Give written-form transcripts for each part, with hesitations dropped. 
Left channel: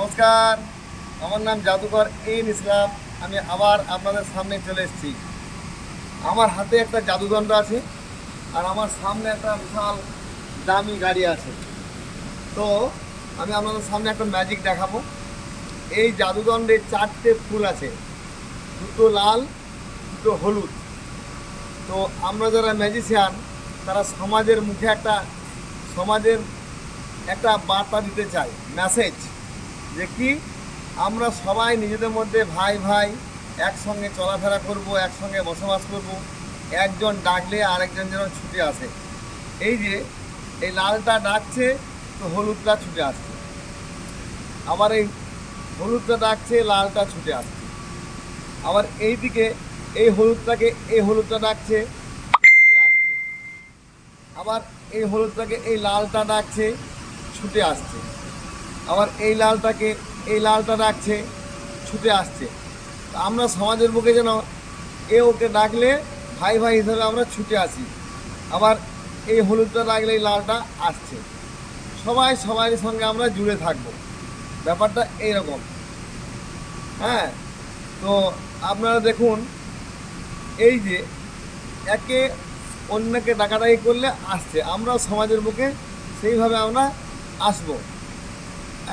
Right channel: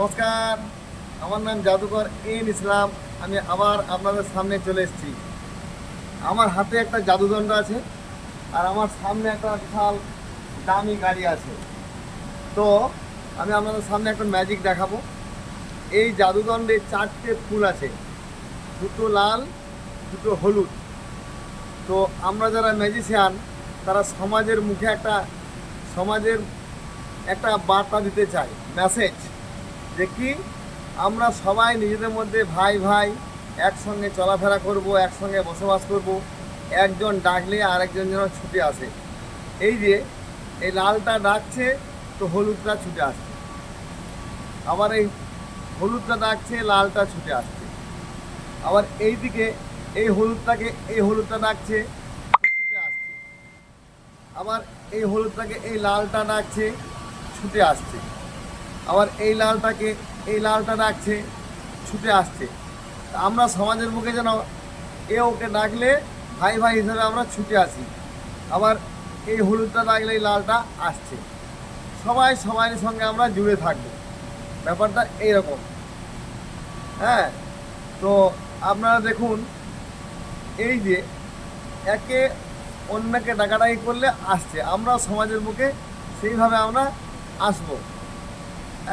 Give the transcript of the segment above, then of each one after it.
নমস্কার, আমার নাম জাদুকর এন ইসলাম। আমি আবার আপনাদের সামনে চলে এসেছি। আমার হাতে একটা জাদুদণ্ড আছে, আর আমার সামনে একটা বিশাল দামি গাড়ি আছে। তো আমি আপনাদের সামনে একটা ম্যাজিক দেখাবো। এই জাদুদণ্ডে 4টে ফুল আছে, দুটো লাল, দুটো হলুদ। তো আমরা যারা ম্যাজিশিয়ান, তারা সমাজের একটা বার্তা দিতে চাই, মেসেজ, যে কি আমরা সবাই নিজেদের মধ্যে ভাই ভাই একসঙ্গে চলাফেরা করব, একসঙ্গে বসবাস করব। একজন ডাকলে আরেকজন যেন ছুটে আসে। এই যে এই লালটা ডাকছে, তো হলুদটা ছুটে আসছে। আবার এই হলুদটা ডাকছে, লালটা ছুটে আসছে। আবার এইদিকে এই হলুদটা ডাকছে, ছুটে আসছে। আবার এই হলুদটাকে এই লালটা ডাকছে, ছুটে আসছে। আবার এই লালটা ডাকছে, ছুটে আসছে। আমরা সমাজের বুকে যেন ওকে ডাকলে ভাই ভাই হিসাবে আমরা ছুটে আসি। আবার এই হলুদটা ডাকলে এই লালটা আসছে। সবাই সবাই সঙ্গে আমরা জুড়ে থাকবো। ব্যাপারটা এইরকম। হ্যাঁ, তো আপনারা দেখুন, এই যে একে অন্যকে ডাকাডাকি করলে আসছে, আমরা সমাজের বুকে সেইভাবে আমরা আসবো।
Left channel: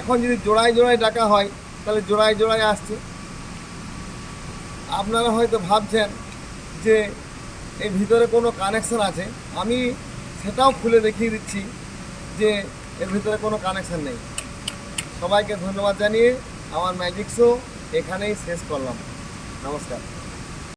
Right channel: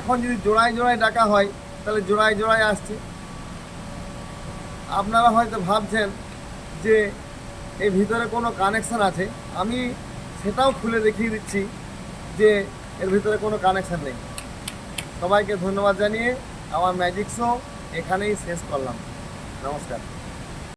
এখন যদি জোড়ায় জোড়ায় ডাকা হয়, তাহলে জোড়ায় জোড়ায় আসছে। আপনারা হয়তো ভাবছেন যে এর ভিতরে কোনো কানেকশান আছে। আমি সেটাও খুলে দেখিয়ে দিচ্ছি যে এর ভিতরে কোনো কানেকশান নেই। সবাইকে ধন্যবাদ জানিয়ে আমার ম্যাজিক শো এখানেই শেষ করলাম। নমস্কার।